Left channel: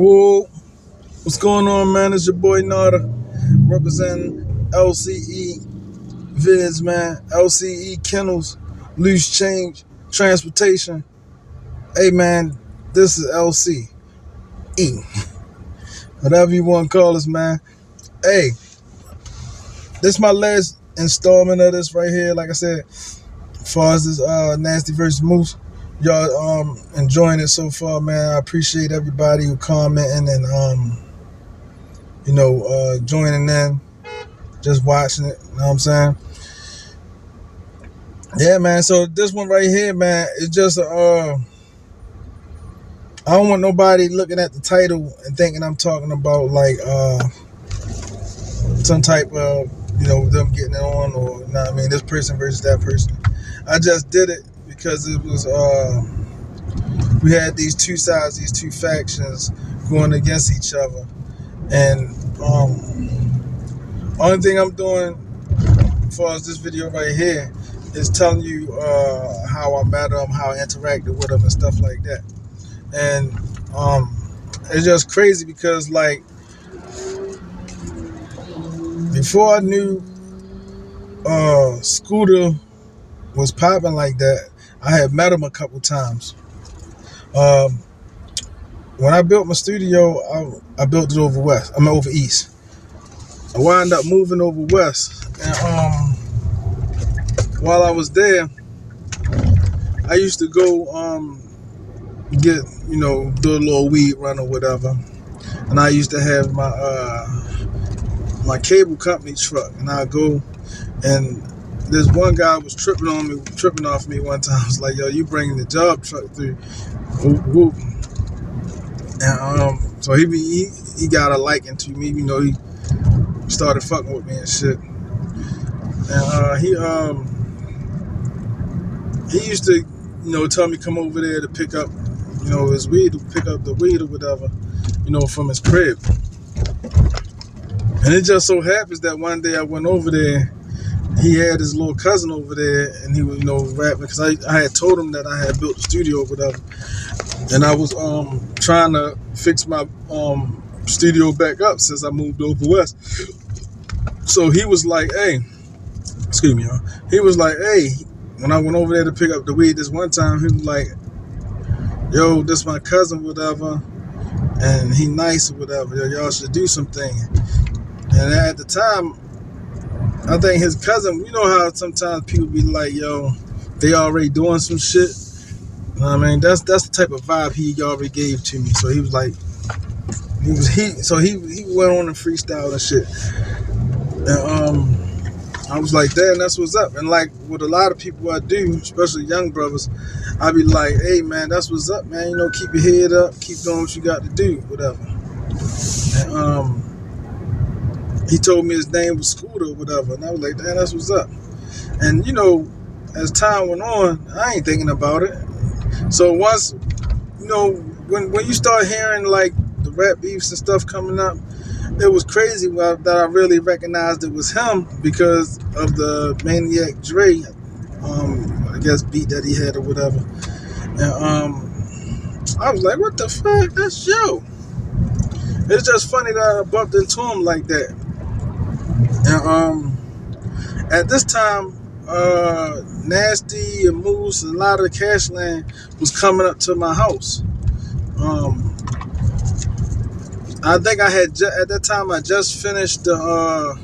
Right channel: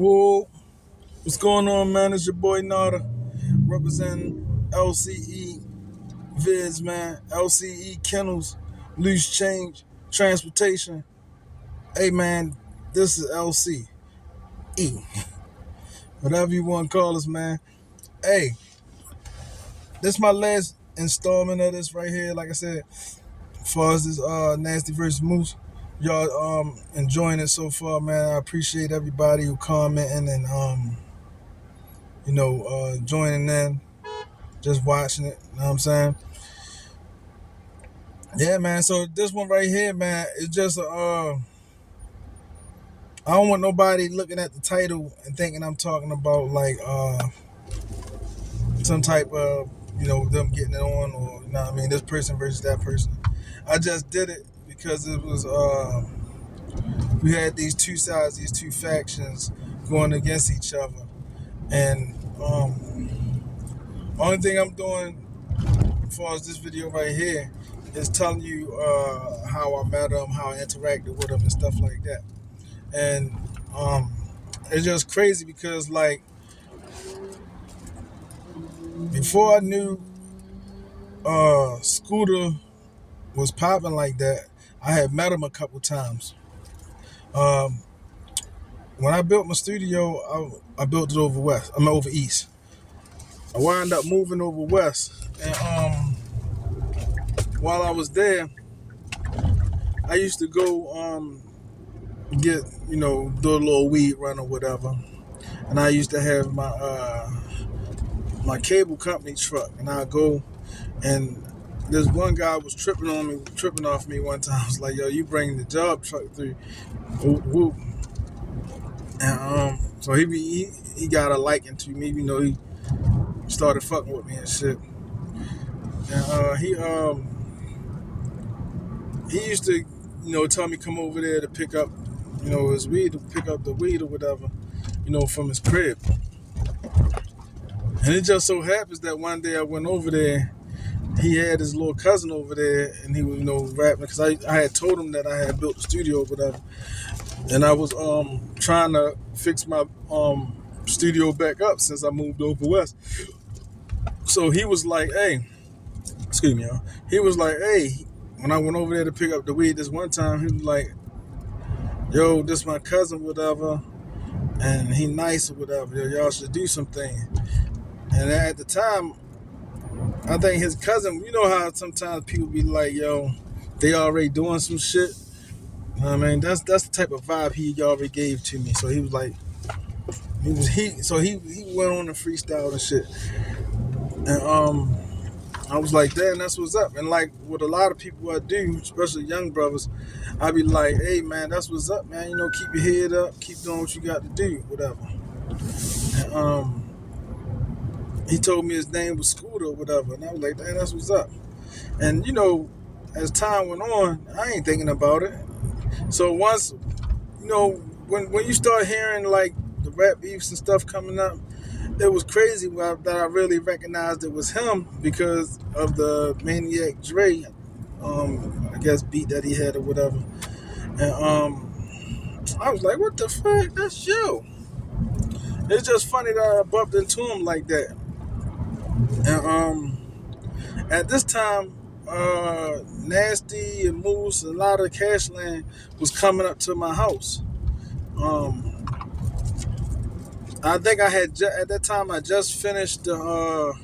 Whoa, what's going on, man? It's your boy Nada, representing LCE Vids, man. LCE Kennels, Loose Change, Transportation. Hey, man, this is LCE. Whatever you want to call us, man. Hey, this is my last installment of this right here. Like I said, as far as this Nazty versus Moose, y'all enjoying it so far, man. I appreciate everybody who commenting and joining in, just watching it. You know what I'm saying? Yeah, man. So this one right here, man, it's just I don't want nobody looking at the title and thinking I'm talking about like some type of them getting it on, or you know what I mean, this person versus that person. I just did it because it was we had these two sides, these two factions going against each other, and only thing I'm doing as far as this video right here is telling you how I met them, how I interacted with them, and stuff like that. And it's just crazy because, like, before I knew Scoota was popping like that, I had met him a couple times. When I built my studio, I built it over west. I mean, over east. I wound up moving over west, and while I was there, I used to go get, do a little weed run or whatever. And I used to have my cable company truck, and I'd go, and this one guy was tripping off me one time. I was like, yo, you bringing the job truck through. Whoop, whoop. And so he got a liking to me, he started fucking with me and shit. And he used to, tell me come over there to pick up, his weed, to pick up the weed or whatever, from his crib. And it just so happens that one day I went over there, he had his little cousin over there, and he was, rapping, because I had told him that I had built a studio or whatever. And I was trying to fix my studio back up since I moved over west. So he was like, hey, excuse me, y'all. He was like, hey, when I went over there to pick up the weed this one time, he was like, yo, this my cousin, whatever, and he nice or whatever. Y'all should do something. And at the time, I think his cousin, you know how sometimes people be like, yo, they already doing some shit. You know what I mean? That's the type of vibe he already gave to me. So he was like, he went on and freestyle and shit. And I was like, damn, that's what's up. And like with a lot of people I do, especially young brothers, I be like, hey man, that's what's up, man. Keep your head up, keep doing what you got to do, whatever. And he told me his name was Scoota or whatever, and I was like, damn, that's what's up. And as time went on, I ain't thinking about it. So once, when you start hearing like the rap beefs and stuff coming up, it was crazy that I really recognized it was him because of the Maniac Dre, I guess, beat that he had or whatever. And I was like, what the fuck? That's Joe. It's just funny that I bumped into him like that. And at this time, Nazty and Moose and a lot of the Cashland was coming up to my house. I think I had at that time I just finished the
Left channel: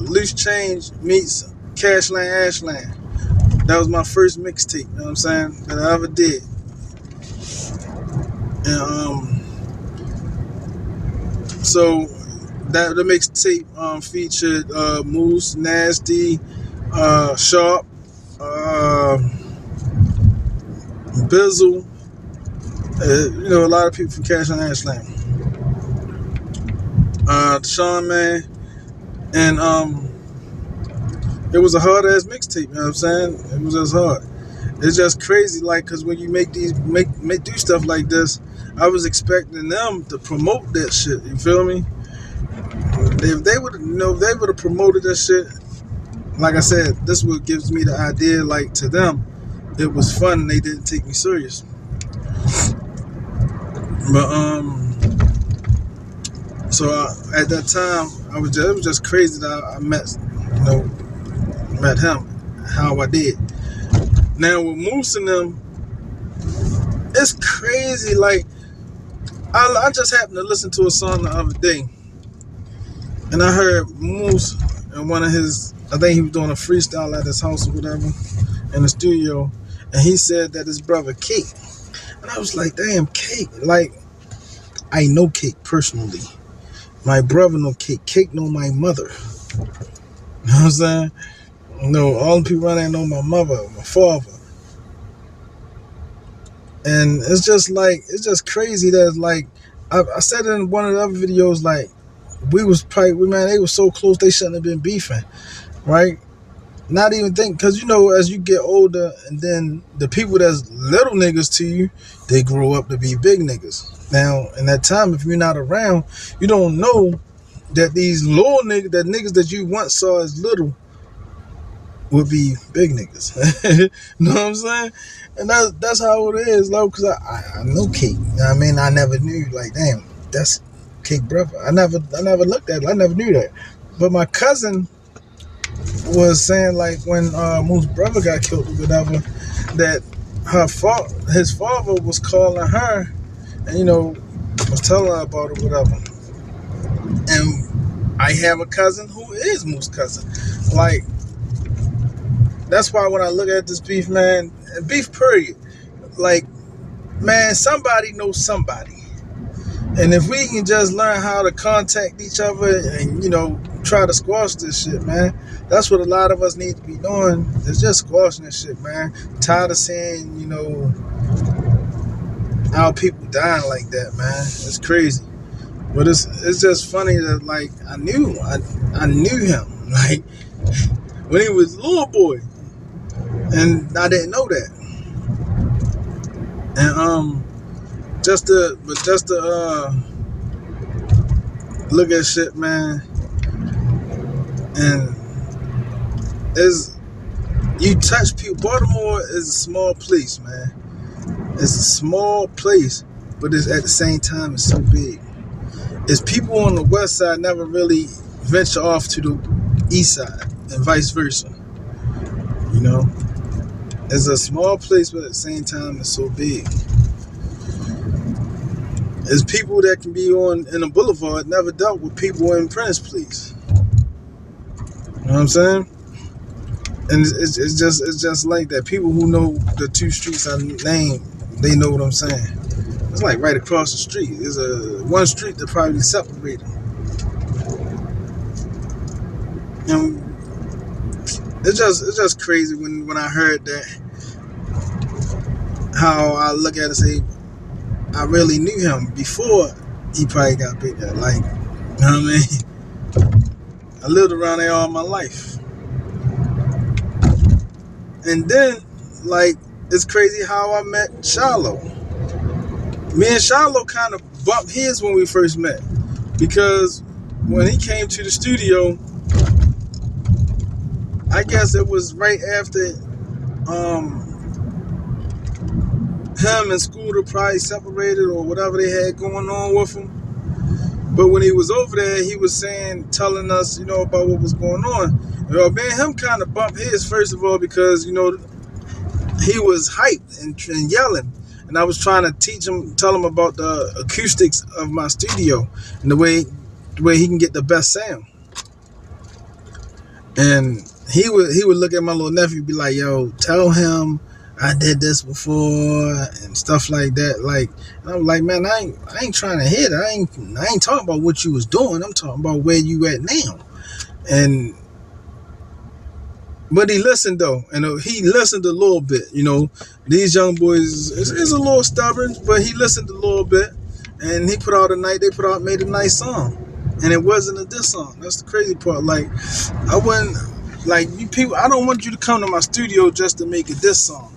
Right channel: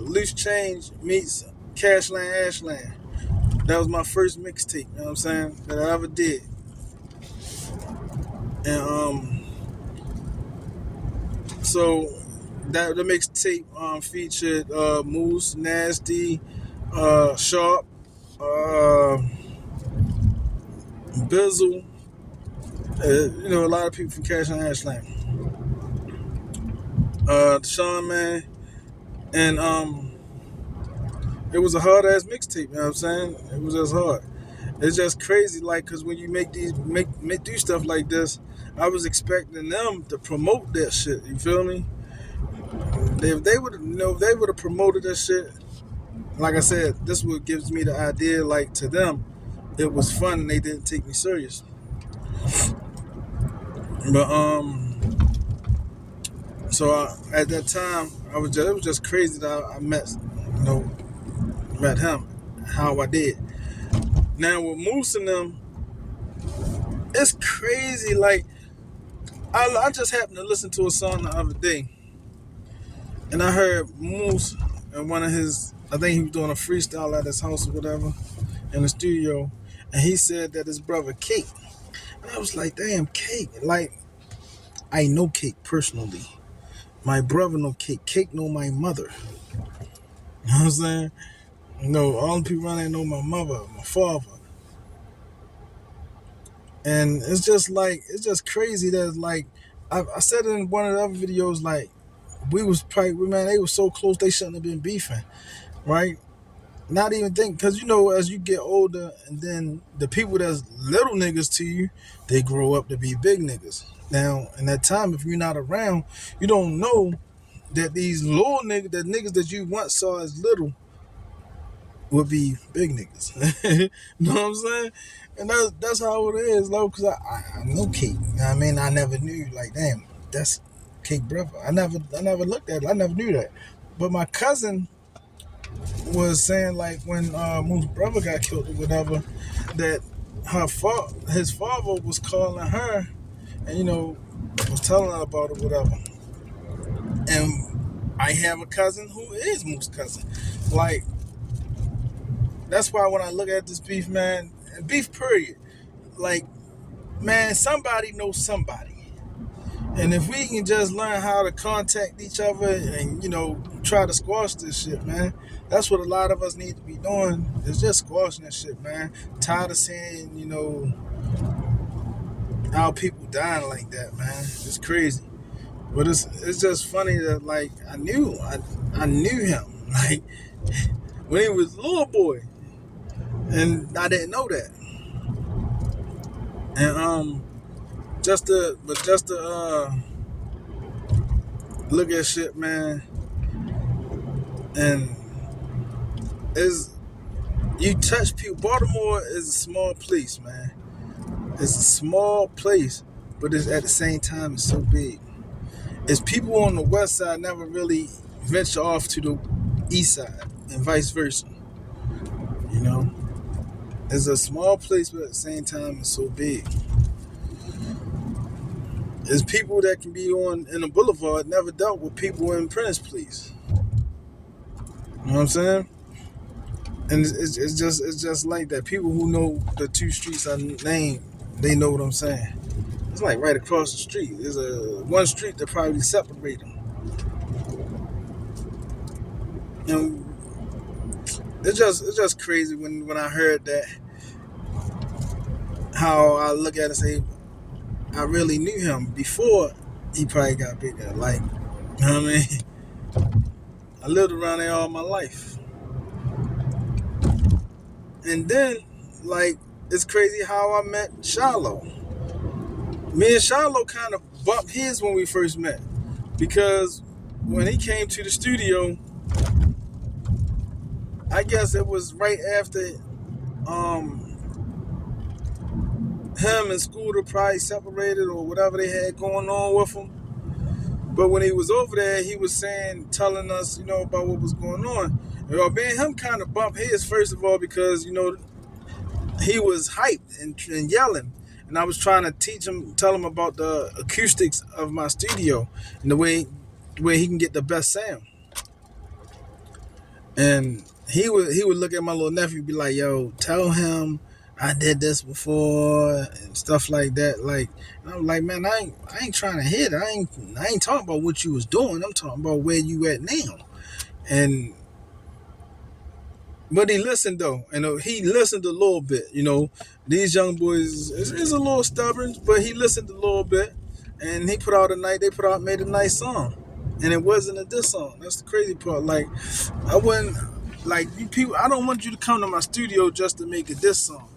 Loose Change meets Cashland Ashland. That was my first mixtape, you know what I'm saying, that I ever did. And so that the mixtape featured Moose, Nazty, Sharp, Bizzle, a lot of people from Cashland Ashland, Sean, man. And it was a hard ass mixtape, you know what I'm saying? It was just hard. It's just crazy, like, cause when you make do stuff like this, I was expecting them to promote that shit. You feel me? If they would, they would have promoted that shit. Like I said, this what gives me the idea. Like, to them, it was fun and they didn't take me serious. But so at that time, it was just crazy that I met, met him, how I did. Now with Moose and them, it's crazy. Like I just happened to listen to a song the other day, and I heard Moose and one of his, I think he was doing a freestyle at his house or whatever, in the studio, and he said that his brother Cake, and I was like, damn, Cake, like I know Cake personally. My brother know Cake. Cake know my mother. You know what I'm saying? No, all the people around there know my mother, my father. And it's just crazy that like I said in one of the other videos, like we was probably, man, they were so close they shouldn't have been beefing, right? Not even think, because as you get older, and then the people that's little niggas to you, they grow up to be big niggas. Now in that time, if you're not around, you don't know that these little niggas, that niggas that you once saw as little, would be big niggas. You know what I'm saying? And that's how it is, though, because I know Cake. You know what I mean? I never knew, like, damn, that's Cake brother. I never looked at it. I never knew that. But my cousin was saying, like, when Moose's brother got killed or whatever, that his father was calling her and, was telling her about it or whatever. And I have a cousin who is Moose's cousin. Like, that's why when I look at this beef, man, beef period, like, man, somebody knows somebody. And if we can just learn how to contact each other and, try to squash this shit, man, that's what a lot of us need to be doing, is just squashing this shit, man. Tired of seeing, how people dying like that, man. It's crazy. But it's just funny that, like, I knew him, like, when he was a little boy. And I didn't know that. And just to look at shit, man, and you touch people. Baltimore is a small place, man. It's a small place, but it's at the same time it's so big. It's people on the west side never really venture off to the east side, and vice versa. It's a small place, but at the same time, it's so big. It's people that can be in a boulevard never dealt with people in Prince, please. You know what I'm saying? And it's just like that. People who know the two streets I named, they know what I'm saying. It's like right across the street. There's one street that probably separate them. And it's just crazy when I heard that, how I look at it and say, I really knew him before he probably got beat up. Like, you know what I mean? I lived around there all my life. And then, like, it's crazy how I met Shylo. Me and Shylo kind of bumped heads when we first met, because when he came to the studio, I guess it was right after him and Scoota probably separated or whatever they had going on with him. But when he was over there, he was telling us, about what was going on. Me and him kind of bumped heads, first of all, because, he was hyped and yelling. And I was trying to tell him about the acoustics of my studio and the way he can get the best sound. And he would look at my little nephew and be like, yo, tell him I did this before and stuff like that. Like, and I'm like, man, I ain't trying to hit it. I ain't talking about what you was doing. I'm talking about where you at now. But he listened though, and he listened a little bit. These young boys is a little stubborn, but he listened a little bit, and they made a nice song, and it wasn't a diss song. That's the crazy part. Like, I wouldn't, like, you people. I don't want you to come to my studio just to make a diss song.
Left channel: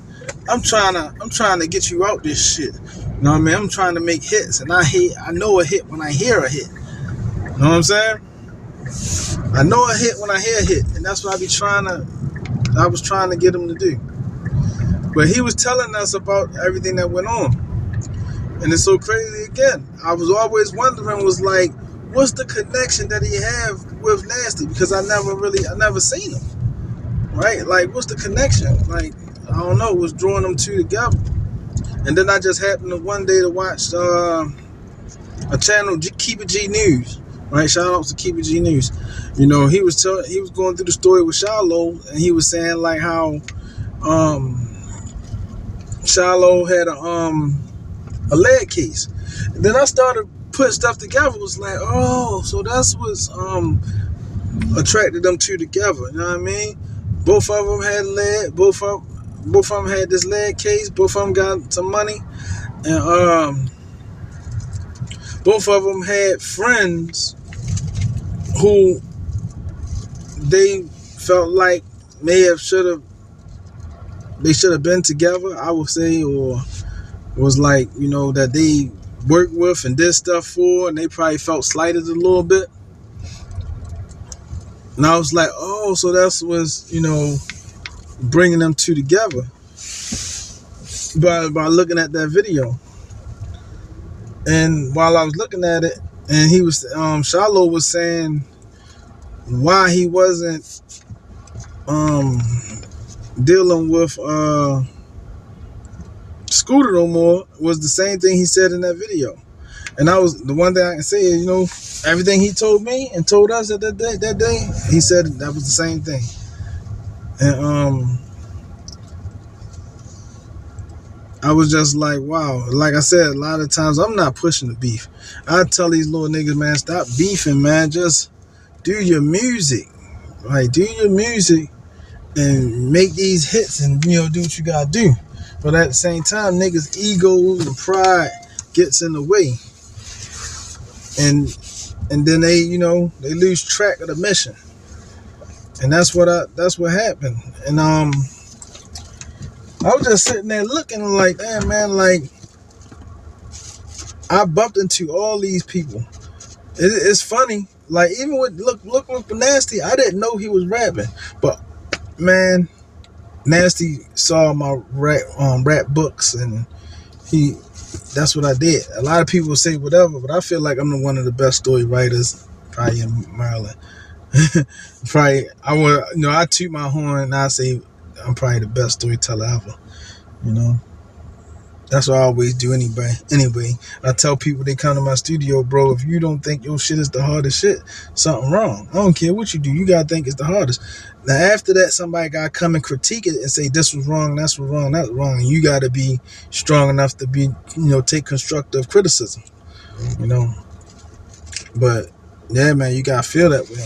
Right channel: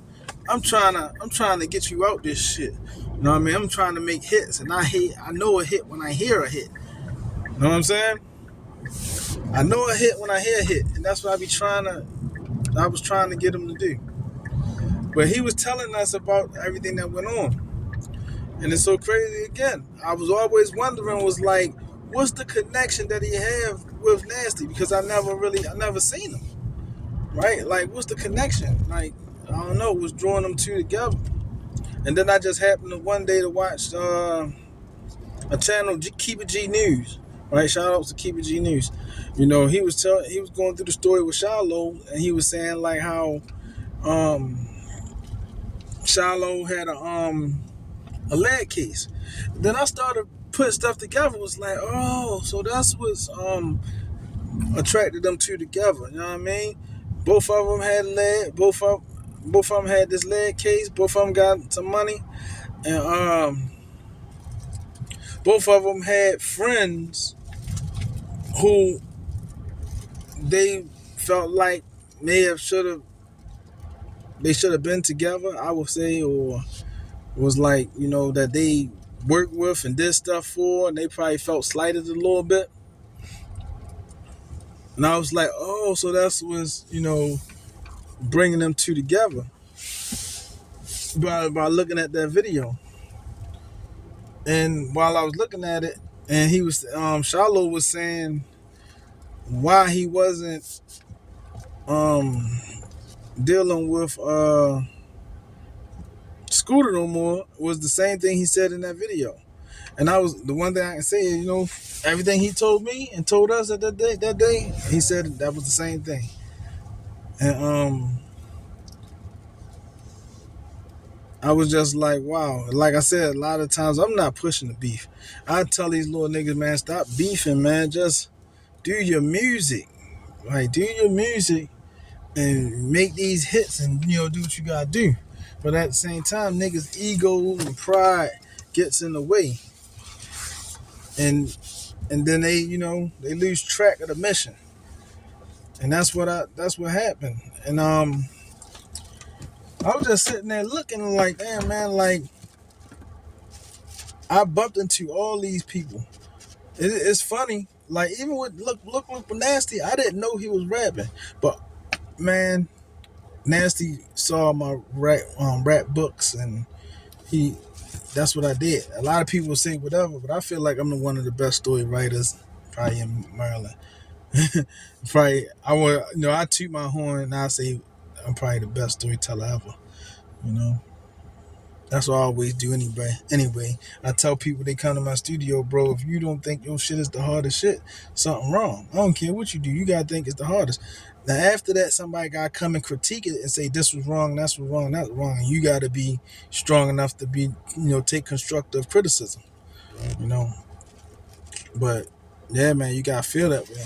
I'm trying to get you out this shit. You know what I mean? I'm trying to make hits, and I know a hit when I hear a hit. You know what I'm saying? I know a hit when I hear a hit, and that's what I was trying to get him to do. But he was telling us about everything that went on. And it's so crazy again. I was always wondering, was like, what's the connection that he have with Nazty? Because I never seen him. Right? Like, what's the connection? Like, I don't know, what's drawing them two together. And then I just happened to one day to watch a channel, Keep It G News. Right? Shout out to Keep It G News. You know, he was going through the story with Shylo, and he was saying like how Shylo had a lead case. And then I started putting stuff together. It was like, oh, so that's what's attracted them two together. You know what I mean? Both of them had lead. Both of them had this lead case. Both of them got some money, and both of them had friends who they felt like they should have been together, I would say, or was like, you know, that they worked with and did stuff for, and they probably felt slighted a little bit. And I was like, oh, so that's what's, you know, bringing them two together by looking at that video. And while I was looking at it, and he was Shylo was saying why he wasn't dealing with Scoota no more, was the same thing he said in that video. And I was, the one thing I can say is, you know, everything he told me and told us at that day, he said that was the same thing. And I was just like, wow. Like I said, a lot of times I'm not pushing the beef. I tell these little niggas, man, stop beefing, man. Just do your music. Like, do your music and make these hits and, you know, do what you gotta do. But at the same time, niggas' egos and pride gets in the way. And then they, you know, they lose track of the mission. And that's what happened. And I was just sitting there looking like, damn, man, like, I bumped into all these people. It's funny. Like, even with look with Nazty, I didn't know he was rapping. But man, Nazty saw my rap books, and that's what I did. A lot of people say whatever, but I feel like I'm one of the best story writers probably in Maryland. Probably, I toot my horn and I say I'm probably the best storyteller ever. You know, that's what I always do anyway. I tell people, they come to my studio, bro, if you don't think your shit is the hardest shit, something wrong. I don't care what you do, you gotta think it's the hardest. Now after that, somebody gotta come and critique it and say this was wrong, that's wrong, that's wrong. And you gotta be strong enough to be, you know, take constructive criticism. You know, but yeah, man, you gotta feel that way.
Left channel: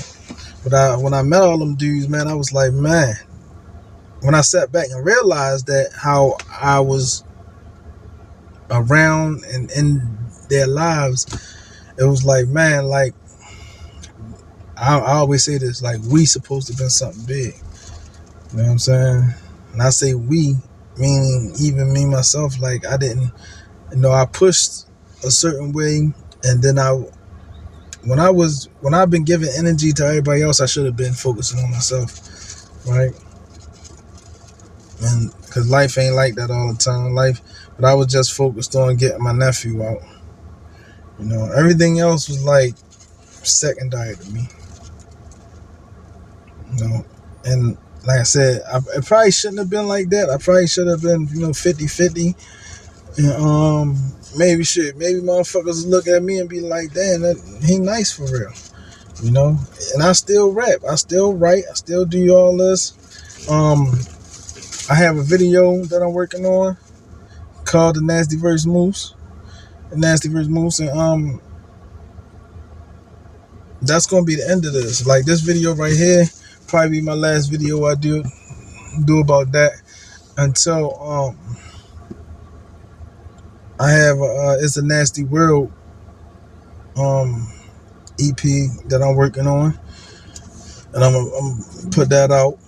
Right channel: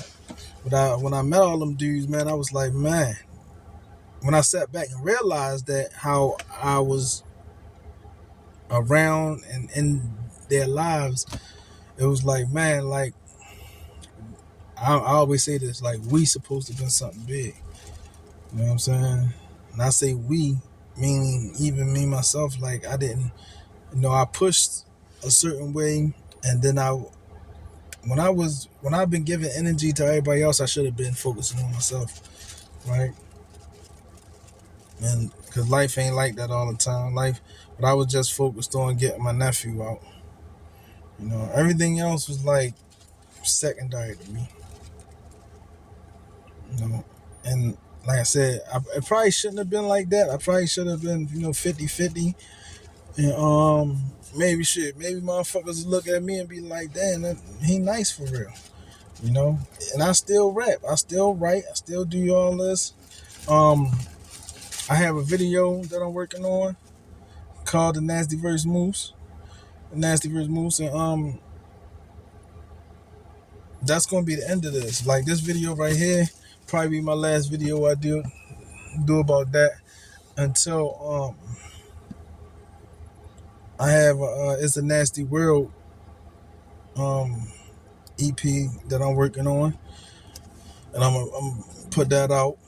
But when I met all them dudes, man, I was like, man, when I sat back and realized that how I was around and in their lives, it was like, man, like, I always say this, like, we supposed to have been something big. You know what I'm saying? And I say we, meaning even me myself, like, I didn't, you know, I pushed a certain way, and then when I've been giving energy to everybody else, I should have been focusing on myself, right? And because life ain't like that all the time, but I was just focused on getting my nephew out. You know, everything else was like secondary to me. You know, and like I said, it probably shouldn't have been like that. I probably should have been, you know, 50-50. And maybe motherfuckers look at me and be like, damn, he nice for real. You know, and I still rap, I still write, I still do all this. I have a video that I'm working on called The Nazty vs. Moose. The Nazty vs. Moose, and that's gonna be the end of this. Like, this video right here, probably be my last video I do about that until I have it's a Nasty World EP that I'm working on, and I'm gonna put that out.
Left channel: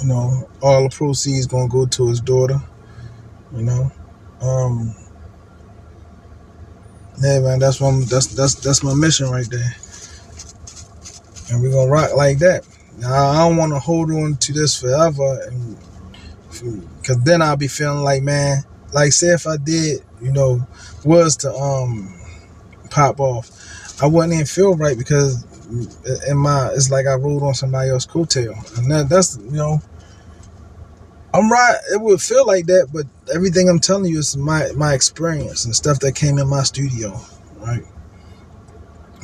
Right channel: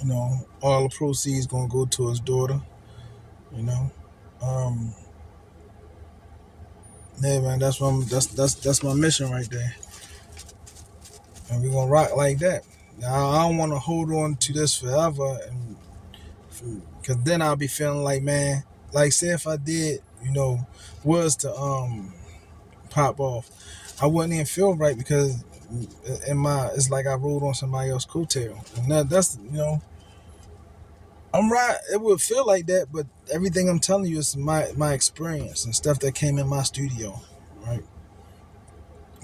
You know, all the proceeds gonna go to his daughter. You know, yeah, man, that's my mission right there, and we're gonna rock like that. Now, I don't want to hold on to this forever, and because then I'll be feeling like, man, like say if I did, was to pop off, I wouldn't even feel right because it's like I rode on somebody else's coattail, and that's I'm right. It would feel like that, but everything I'm telling you is my experience and stuff that came in my studio, right?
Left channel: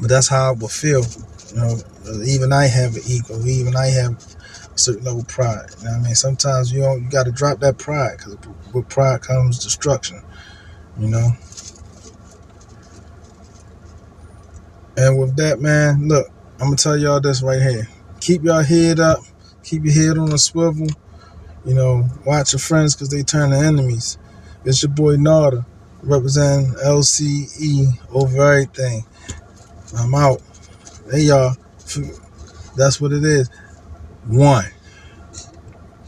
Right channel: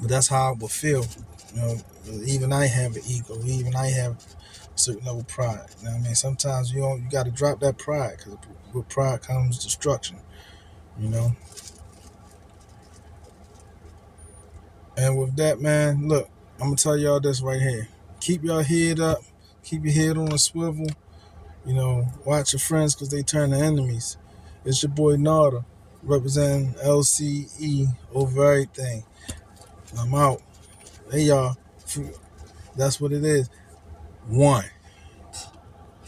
But that's how I would feel, you know. Even I have an ego. Even I have a certain level of pride. You know what I mean? Sometimes you got to drop that pride because with pride comes destruction, you know. And with that, man, look, I'm gonna tell y'all this right here. Keep your head up. Keep your head on a swivel. Watch your friends because they turn to enemies. It's your boy Nada, representing LCE over everything. I'm out. Hey, y'all. That's what it is. One.